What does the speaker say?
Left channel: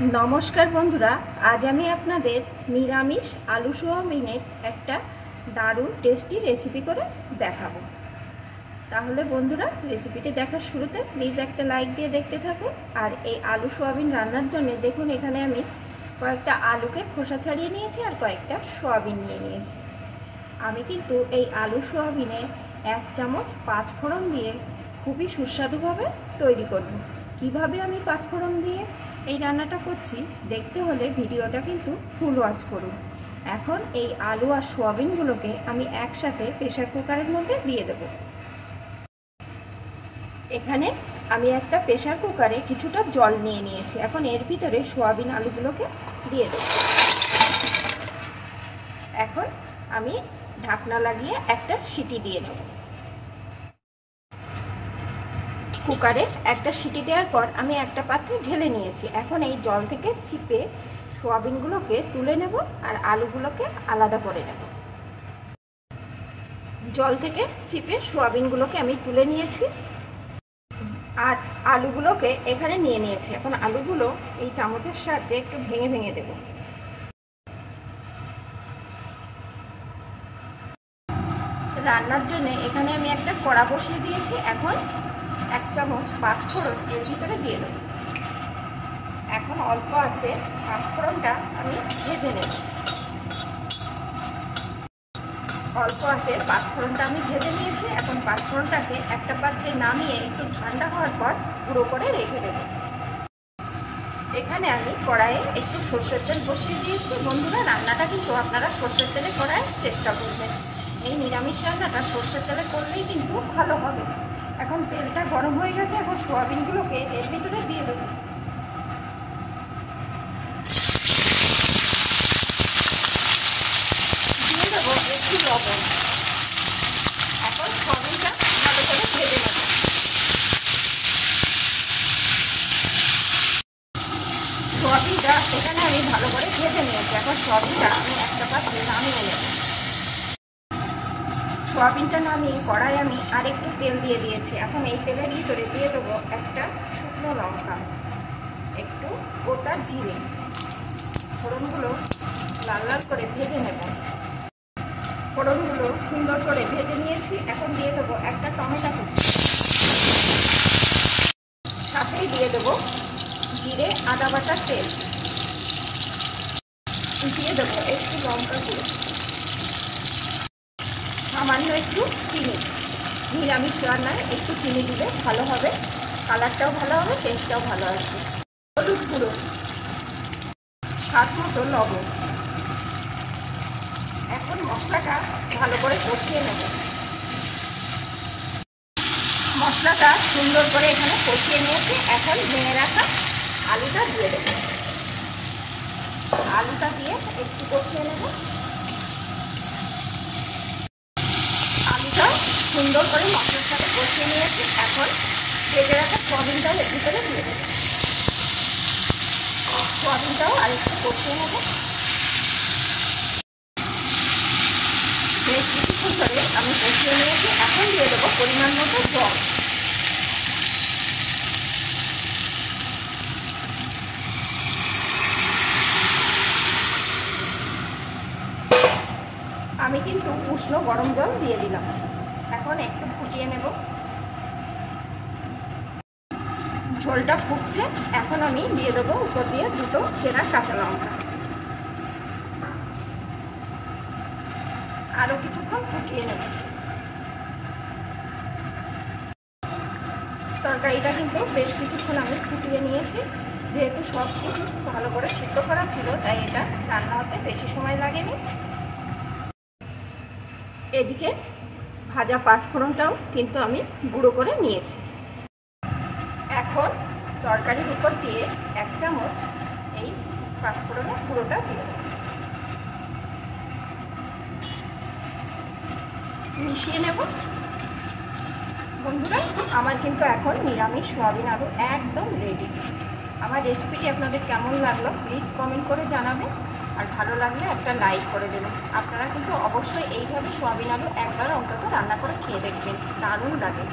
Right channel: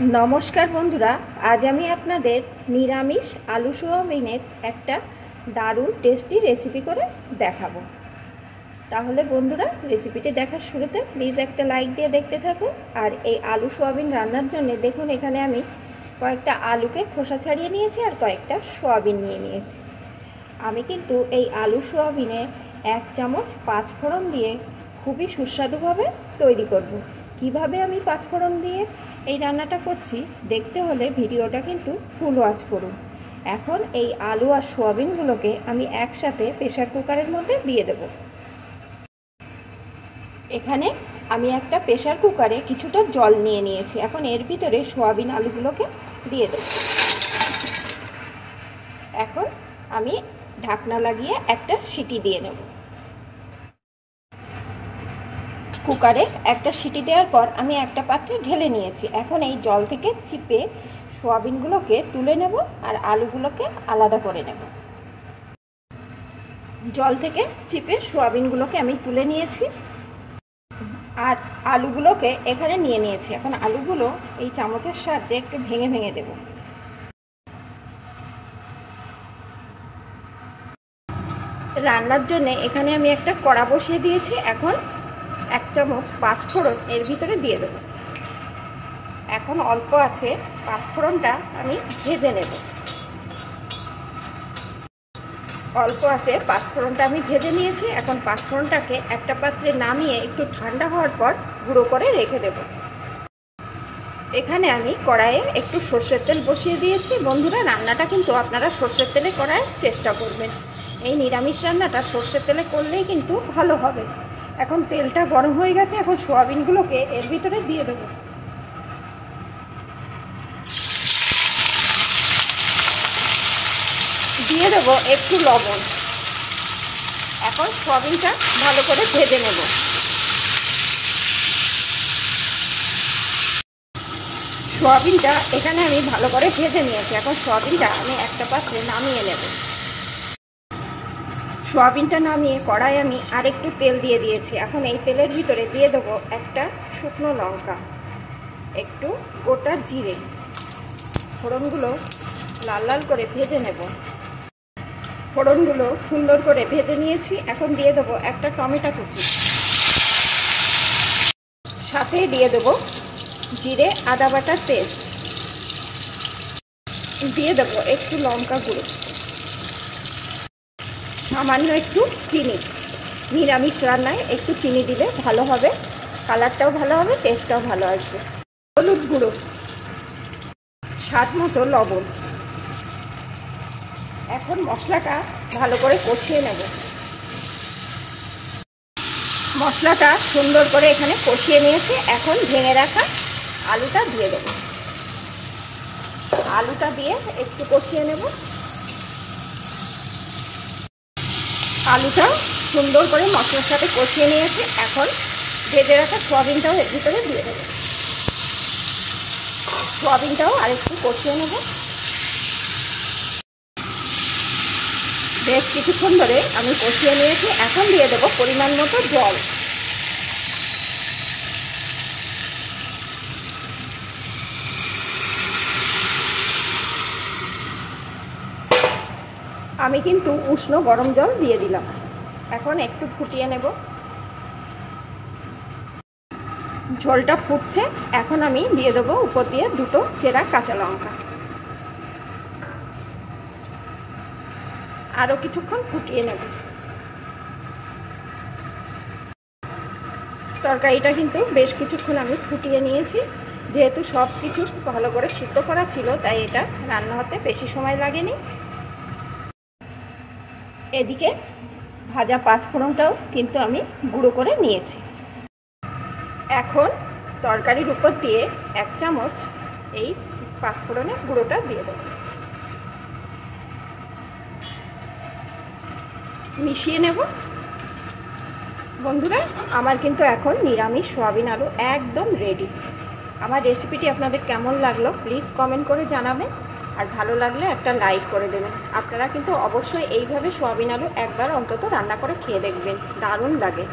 नमस्कार बंधुरा आज आमी आपनादेर निरामिष आलू सोयाबिनेर एकटा दारुण टेस्टी रेसिपि करे देखाबो। ताहले बंधुरा रेसिपिटी देखार शुरूते प्लिज एकटा लाइक दिए देखते थाकुन। और ये आलू सोयाबिन रान्नार जन्य देखुन एखाने आमी कयेकटा आलूके खोसा छाड़िए नियेछि और कयेकटा सोयाबिन निये नियेछि। आमी किन्तु एई आलू सोयाबिने 1 चामच 5 फोड़न दिए खूबই সুস্বাদুভাবে তৈরি করব। কিভাবে আমি 5 ফোড়ন দিয়ে এই রান্নাটা করছি দেখতে হলে ভিডিওটা কিন্তু ফুল ওয়াচ করুন। এখন এই আলু আর সোয়াবিনগুলোকে আমি একসাথে প্রেসার কুকারের মধ্যে দিয়ে দেব। এখানে আমি একটা প্রেসার কুকারে কিছুটা জল নিয়ে নিয়েছি। এখন এর ভিতরে সোয়াবিন আলুগুলোকে দিয়ে দেব। এখন আমি ঢাকনা লাগিয়ে একটা সিটি দিয়ে নেব। কুকারে একটা সিটি দেওয়ার পর আমি একটা পাত্রে ঢেলে নিয়েছি। এখন এই জল থেকে চিপে সোয়াবিনগুলোকে তুলে নেব আর আলুগুলোকে আলাদা করে নেব। জল থেকে চিপে সোয়াবিনগুলোকে আমি তুলে নিয়েছি আর আলুগুলোকে এখানে নিয়ে নিয়েছি। এখন আলুগুলো এই চামচের সাহায্যে একটু ভেঙে ভেঙে দেব। রান্নার জন্য এখানে আমি একটা কড়া বসিয়ে দিয়েছি। এখন 1 চামচ 5 ফোড়ন এর ভিতরে দিয়ে দেব। এখন অল্প আছে 5 ফোড়নটা আমি ভেজে নেব। অল্প আছে 5 ফোড়নটা আমি ভেজে নিয়েছি। এখন 5 ফোড়নটাকে একটা পাত্রে নামিয়ে একটু ঠান্ডা হওয়ার পর গুঁড়ো করে রেখে দেব। এখানে আমি কড়াইয়ে একটু সরষের তেল বসিয়ে দিয়েছি। বন্ধুরা রান্নাটা কিন্তু আপনারা সরষের তেলে করার চেষ্টা করবেন। এই নিরামিষ রান্নাটা সরষের তেলে করলেই কিন্তু ভালো হবে। এখন তেলটা গরম হয়ে গেছে। এখন সোয়াবিনগুলোকে এর ভিতরে দিয়ে দেব। দিয়ে দেবো একটু লবণ। এখন সোয়াবিনটা ভালো করে ভেজে নেব। সোয়াবিনটা এখানে আমি ভালো করে ভেজে নিয়েছি। এখন সোয়াবিনটা আমি একটা পাত্রে নামিয়ে নেব। সোয়াবিনটা নামিয়ে কড়াই আমি আরেকটু তেল দিয়ে দিয়েছি। এখন এই তেলের ভিতরে দিয়ে দেবো একটা শুকনো লঙ্কা, একটু গোটা জিরে। ফোড়নগুলো লাল লাল করে ভেজে নেব। ফোড়নগুলো সুন্দর করে ভেজে নিয়েছি। এখন দিয়ে দেবো একটা টমেটো কুচি, সাথেই দিয়ে দেবো জিরে আদা বাটার পেস্ট, দিয়ে দেবো একটু লঙ্কা গুঁড়ো, সামান্য একটু চিনি। নিরামিষ রান্নায় একটু চিনি দিলে ভালো হবে, কালারটাও ভালো হবে, টেস্টটাও ভালো আসবে। হলুদ গুঁড়ো, স্বাদ মতো লবণ। এখন মশলাটা ভালো করে কষিয়ে নেব। মশলাটা সুন্দর করে এখানে কষিয়ে নিয়েছি। এখন ভেঙে রাখা আলুটা দিয়ে দেব। আলুটা দিয়ে একটু কষিয়ে নেব। আলুটা সুন্দর করে মশলার সাথে কষিয়ে নিয়েছি। এখন ভেজে রাখা সোয়াবিনটাও এর ভিতরে দিয়ে দেবো। সোয়াবিনটাও আরেকটু কষিয়ে নেব। বেশ কিছুক্ষণ ধরে আমি কষিয়ে নিয়েছি। এখন দিয়ে দেবো পরিমাণ মতো জল। আমি কিন্তু উষ্ণ গরম জল দিয়ে দিলাম। এখন একটু ফুটিয়ে নেব। ঝোলটা ফুটছে। এখন আমি দিয়ে দেবো উপর দিয়ে 2টো চেরা কাঁচা লঙ্কা। আরও কিছুক্ষণ ফুটিয়ে নেব। তরকারিটা কিন্তু বেশ কিছুক্ষণ আমি ফুটিয়ে নিয়েছি। যেহেতু সব কিছু ভালো করে সিদ্ধ করা ছিল তাই এটা রান্না হতে বেশি সময় লাগেনি। এদিকে ভাজা 5 ফোড়নটাও কিন্তু আমি গুঁড়ো করে নিয়েছি। এখন তরকারির উপর দিয়ে 1 চামচ এই 5 ফোড়নের গুঁড়োটা দিয়ে দেব। মিশিয়ে নেব। বন্ধুরা আমার কিন্তু এখন নিরামিষ সোয়াবিন আলু একদম রেডি। আমার রেসিপিটি আপনাদের কেমন লাগলো প্লিজ কমেন্ট করে জানাবেন। আর ভালো লাগলে একটা লাইক করে দেবেন। আপনারা কিন্তু অবশ্যই এইভাবে সোয়াবিন আলু একবার অন্তত রান্না করে খেয়ে দেখবেন, দারুণ লাগে।